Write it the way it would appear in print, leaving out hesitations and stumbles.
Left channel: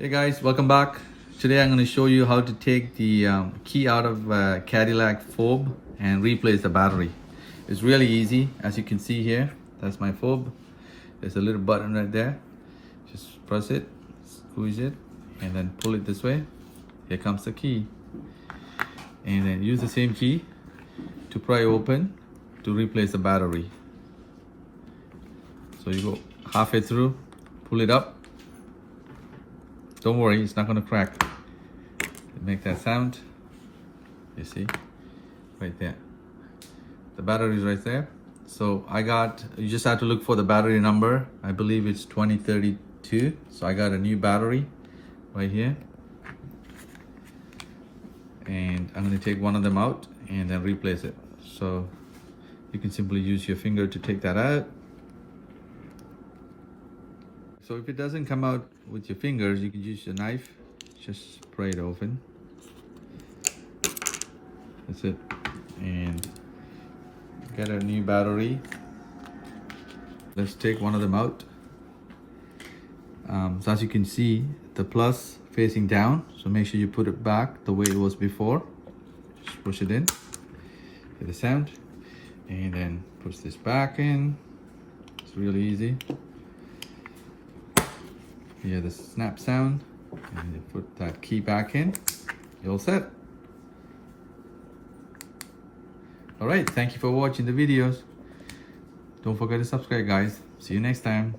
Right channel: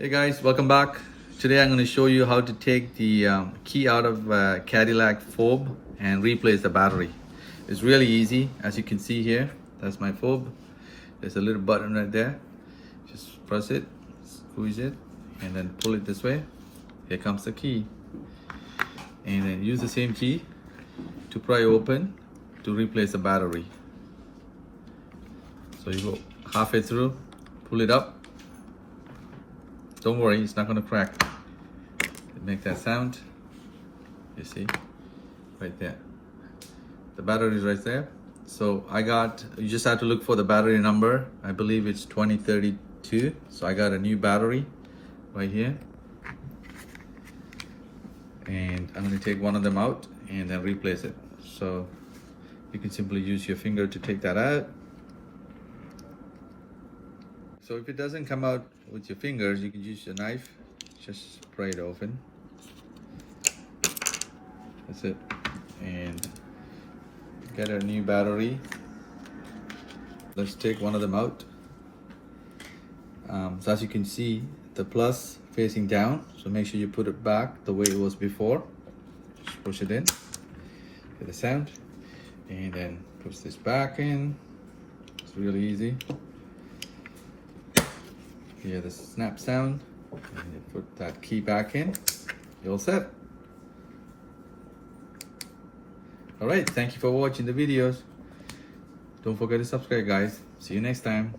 Hey guys, welcome back. Today I'm going to show you how to take the key out of Cadillac fob and replace the battery. It's really easy. As you can see here, that's my fob. There's a little button right there. Just press it, squeeze it, and then pull it this way. Here comes the key. And then use the same key to pry open to replace the battery. So you go halfway through, pull it up. Don't worry, it's not going to crack. Make that sound. You see, right there. The battery is right there. So you just have to look for the battery number. I believe it's 2032. So I got a new battery right here. And I'm going to take one of them out and then replace it. So you can simply use your finger to take that out. So if it doesn't come out with your fingers, you can use your knife. Just pry it open. That's it. And get a new battery. Let's take one of them out. So as you can see, the plus facing down. So make sure you put it back the way it was before. Just push it in. Get the sound. And then push this back in. It's really easy. Hear the snap sound, and you put that key back in. You're all set. Alright, thank you for watching the videos. Don't forget to subscribe, guys. See you next time.